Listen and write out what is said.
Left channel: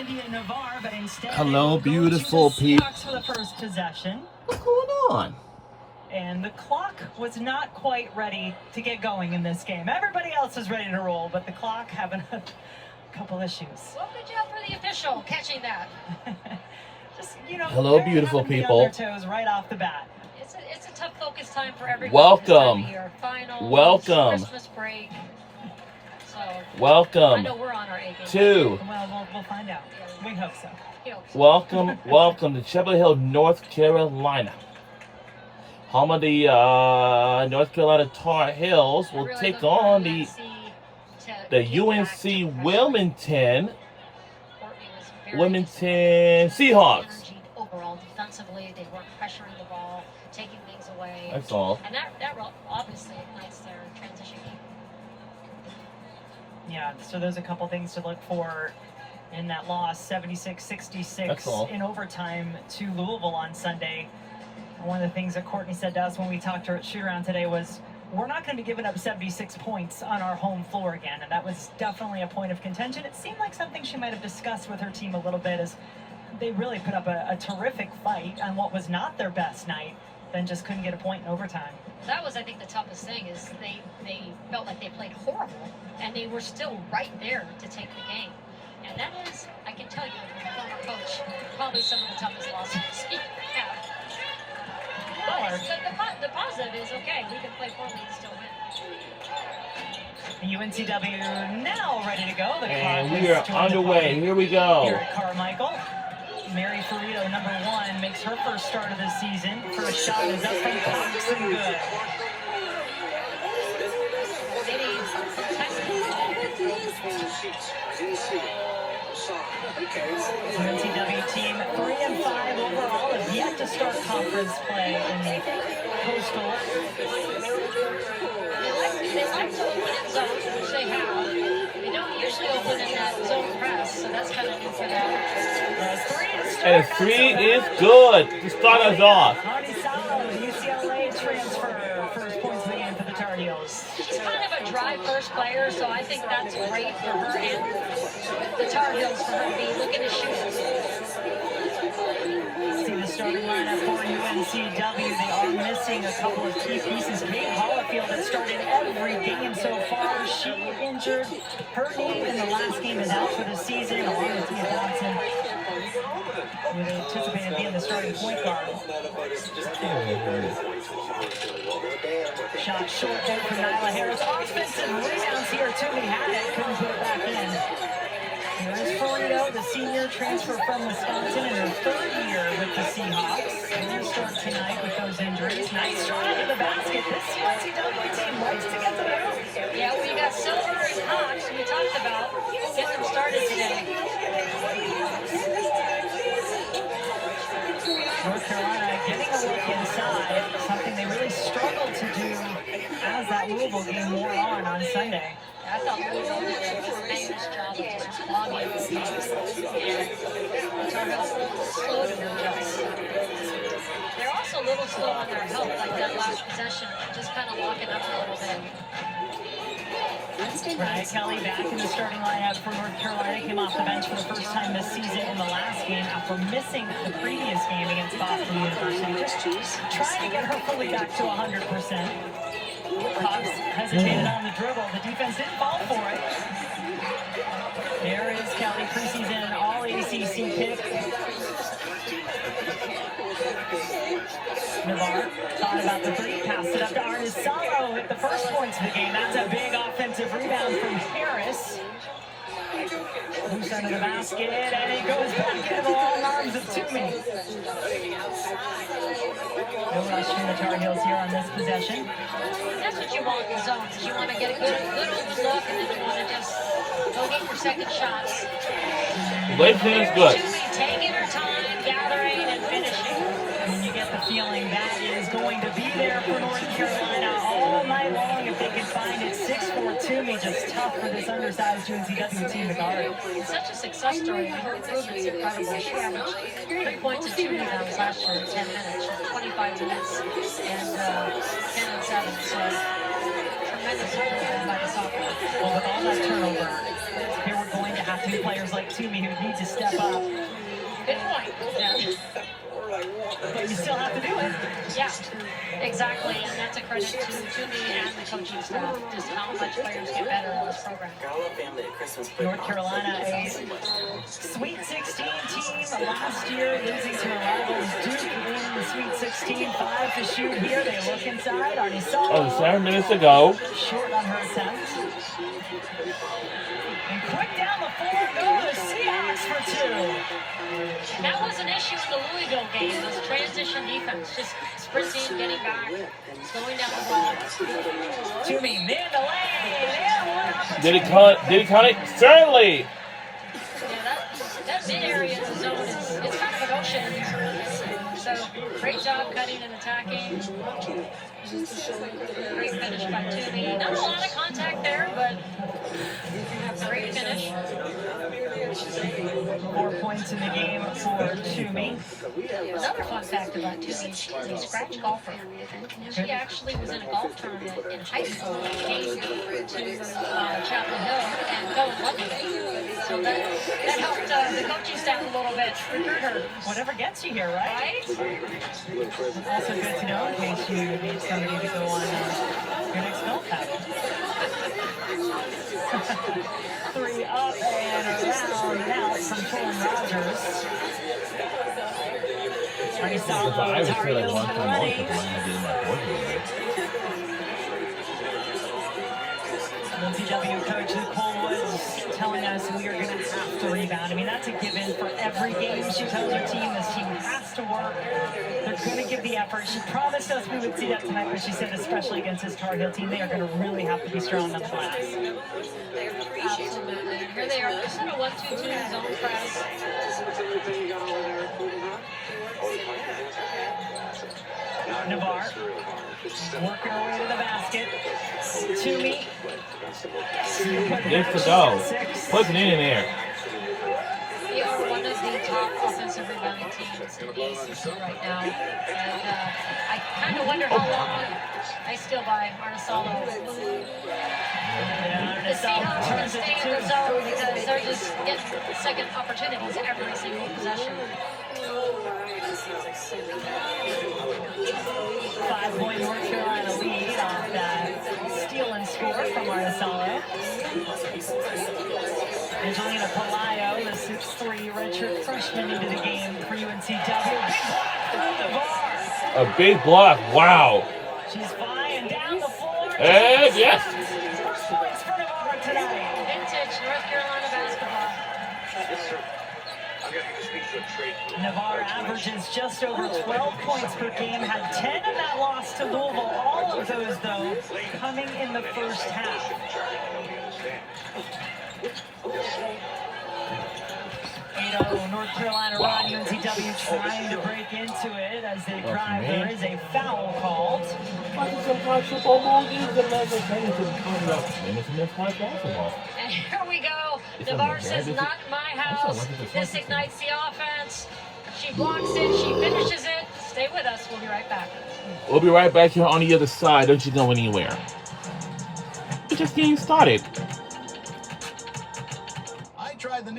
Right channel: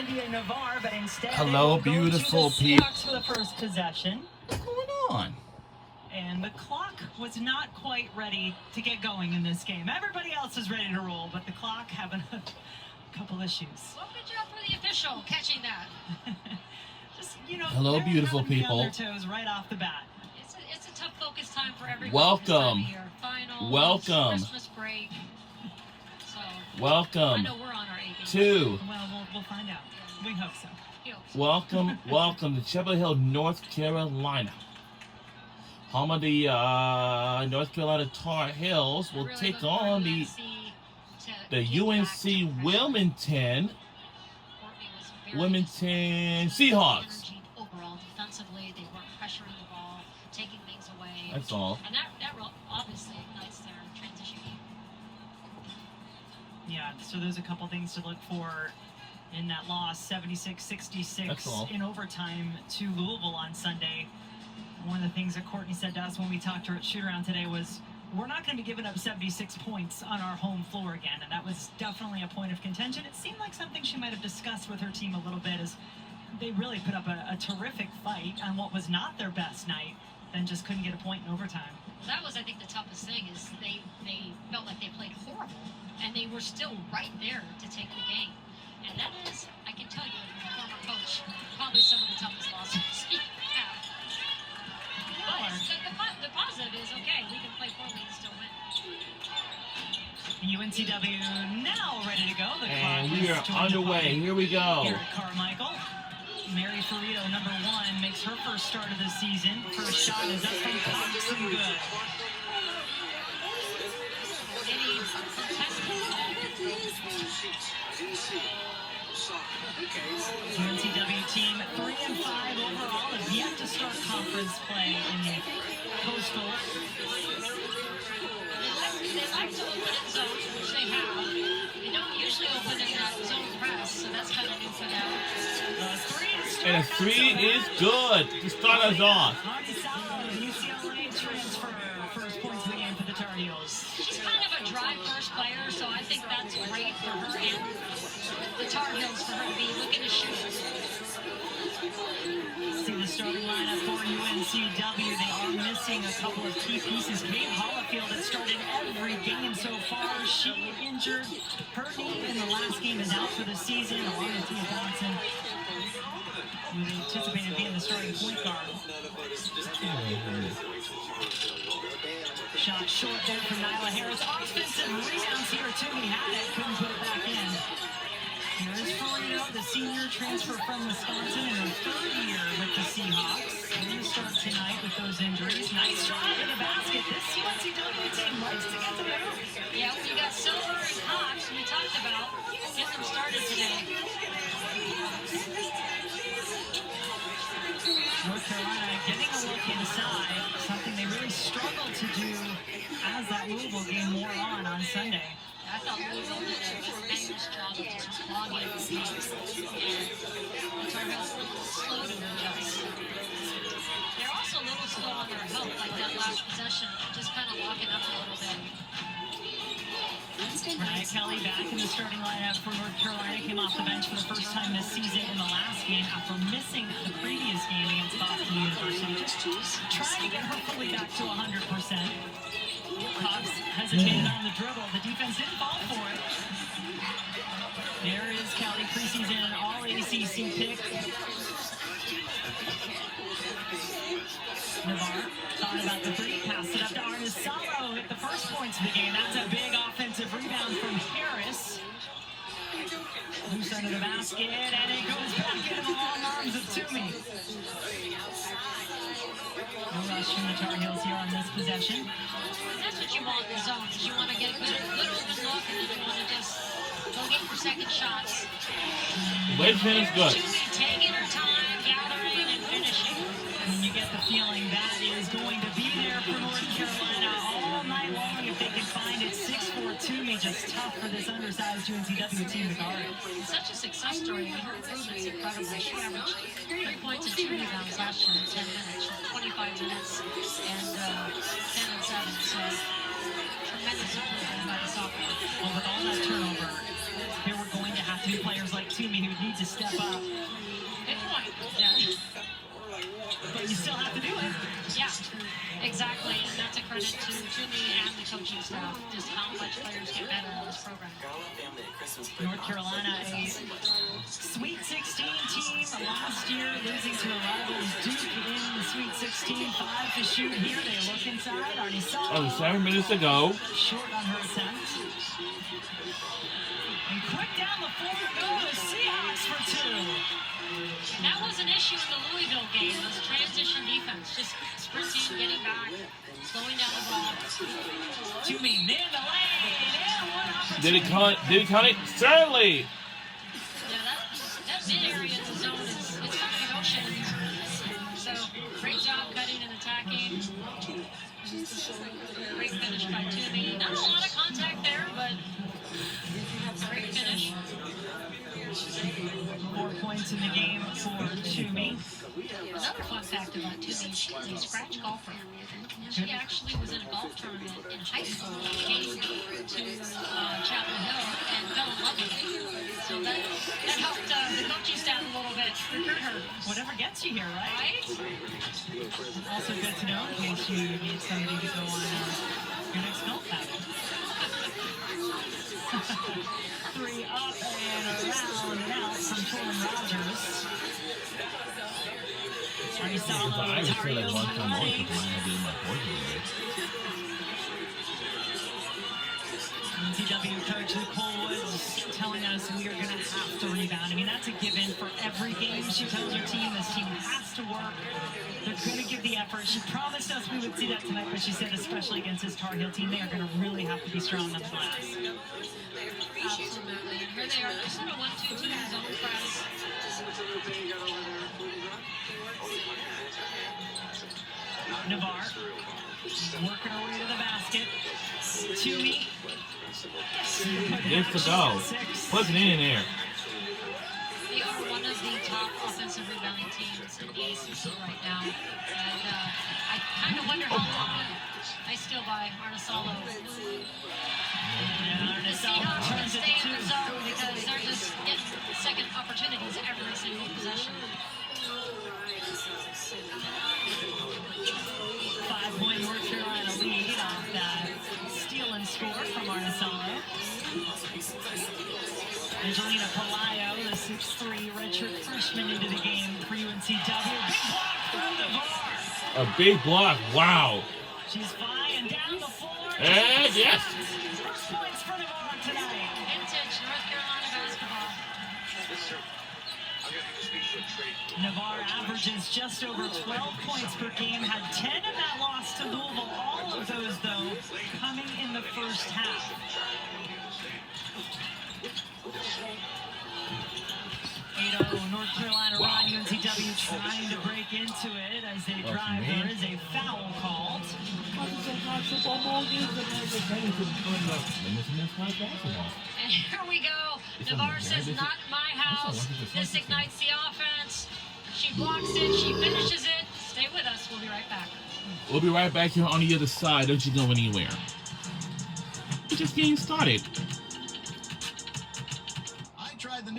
Hello, beautiful people. For the first possession. What's going on? And the clock was not quite ready to get going in this game. Everybody else is ready to roll, but the clock having a couple issues. Well, good job for the official catching that. Just, hello, beautiful people. On their toes right off the bat. It's a tough focus time for everyone. Welcome. Finals, welcome. Christmas break. So welcome. I know we're on our A game. Well, we'll find out. We hope so. Welcome to Chapel Hill, North Carolina. Home of the North Carolina Tar Heels will take on the UNC Wilmington Seahawks. Overall, defensively, they weren't pressuring the ball, taking things away. That's all. And that obviously ignites their transition game. Yeah, so there's a couple things to look for in that loss, 76-66 in overtime to Louisville on Sunday. One of the things that Courtney said to us when we talked to her at shoot-around today was, we're not going to be giving up 76 points on our home floor again, and that was definitely a point of contention. It seemed like something she might have discussed with her team a little bit, as they really put up a terrific fight on what was not their best night, then just couldn't get a point in overtime. That was, I think, the toughest thing, is they felt like they played horrible, and they were still right there to take the game. And that is, I can tell you, as a former coach, probably some of the toughest losses you have. But the positive is, okay, we can play poorly and still win. The UNCW now ready to go. And we are underway. Here we go. Here at Carmichael. Mary Ferrito, number 1, makes her first start of the season. First shot is up and cocks and good. UNCW team 3-5 overall, have yet to start conference play in the Coastal. They like to open in zones, which they have. They don't usually open in that zone press, so that's kind of new for them. And 3 is good to start us off. UCLA transfer, first points of the game for the Tar Heels. She's kind of a dry first player, so I think that's great for her and the Tar Heels for her to be looking to shoot. See the starting lineup for UNCW. They are missing a couple of key pieces. Kate Hollifield has started every game so far. She injured her knee in the last game, is out for the season, along with Tia Johnson, who they anticipated being the starting point guard. Shot short there for Nyla Harris. Offensive rebounds here. Toomey had it, couldn't put it back in. Here is Ferrito, the senior transfer from Wisconsin, in her 3rd year with the Seahawks. They're going to start tonight with those injuries. Nice drive to the basket. This UNCW team likes to get to the hoop. Yeah, we got Silver and Cox, we talked about getting them started today. North Carolina getting a look inside, something they really struggled to do as that Louisville game wore on Sunday. I thought Louisville did a tremendous job of just clogging the game. And Tar Heels a little slow to adjust. They're also a little slow on their help, like that last possession, just kind of locking up a little bit. Ryan Kelly back in the starting lineup for North Carolina, came off the bench for the first time this season in the last game after missing the previous game against Boston University. Just trying to get her fully back to 100%. Cox hesitated on the dribble. The defense didn't fall for it. There is Kelly, preseason All-ACC pick. Navarre thought about the 3, passed it up to Arnisalo, hit the first points of the game. That's a big offensive rebound from Harris. Loose under the basket, and it goes back into the long arms of Toomey. No rush from the Tar Heels here on this possession. That's what you want in the zones, is you want to get a good open look, and then you want to just go get your second shots. Waving is good. Toomey taking her time, gathering, and finishing. And you get the feeling that is going to be there for North Carolina all night long if they can find it. 6'4" Toomey, just tough for this undersized UNCW team to guard. Such a success story. Her improvement's incredible. She averaged 3 points and 2 rebounds last year in 10 minutes. 25 minutes and 10 and 7. So tremendous improvement by the sophomore. Well, with all that turnover, they were going to have to be players like Toomey who need to step up. Good point. Yeah. But you still have to do it. Yeah, exactly. And that's a credit to me and the coaching staff, just how much players get better in this program. North Carolina, a Sweet 16 team last year, losing to a rivals Duke in the Sweet 16. 5 to shoot here. They look inside. Already saw. Oh, 7 minutes to go. Short on her attempt. And quick down the floor go the Seahawks for 2. And that was an issue in the Louisville game, this transition defense, just sprinting, getting back, slowing down the ball. Toomey, mid the lane, and one opportunity. Did he cut it? Certainly. Yeah, that mid area of the zone it's kind of an ocean in these areas. So great job cutting and attacking. Great finish by Toomey. Not a lot of contact there, but great finish. 4 points in the game for Toomey. Another fun fact about Toomey, she's a scratch golfer. She actually was in a golf tournament in high school and came to Chapel Hill and fell in love with it. So that helped the coaching staff a little bit recruit her. Whatever gets you here, right? Also good to know in case you need somebody to go on your next golf pattern. 3 up and around and out from Torrin Rogers. Already saw I would feel like Ontario one from one running. because I'm getting my board. UNCW coach Nicole Woods telling us we are going to have to rebound. I mean, that's a given for every game. She tells her team this team has to work. They're going to give the effort. She promised us we would see that tonight, but she said especially against this Tar Heel team, they are going to really have to be strong on the glass. Absolutely. Here they are, just in a 1-2-2 zone press. Navarre working her way to the basket. Toomey. Good to go. Put it in there. They are one of the top offensive rebounding teams in the ACC right now. And I kind of wonder how long I steal by Arnisalo. The Seahawks are going to stay in the zone because they're just getting second opportunities every single possession. 5-point North Carolina lead off that steal and score from Arnisalo. Angelina Palaio, the 6'3" redshirt freshman into the game for UNCW. Big block through the bar. A big block. Wow. She's flying down the floor. And yes. First points for Navarre tonight. Vintage North Carolina basketball. Navarre averages just over 12 points per game, had 10 in that loss to Louisville. All of those, though, coming in the first half. 8-0 North Carolina run. UNCW trying to break into it as they drive. There is a foul called. And here we go. Navarre says, not my house. This ignites the offense. She blocks it. She finishes it. Stay with us. We'll be right back. We'll be right back here on the other side. Don't you go anywhere. We're just getting started.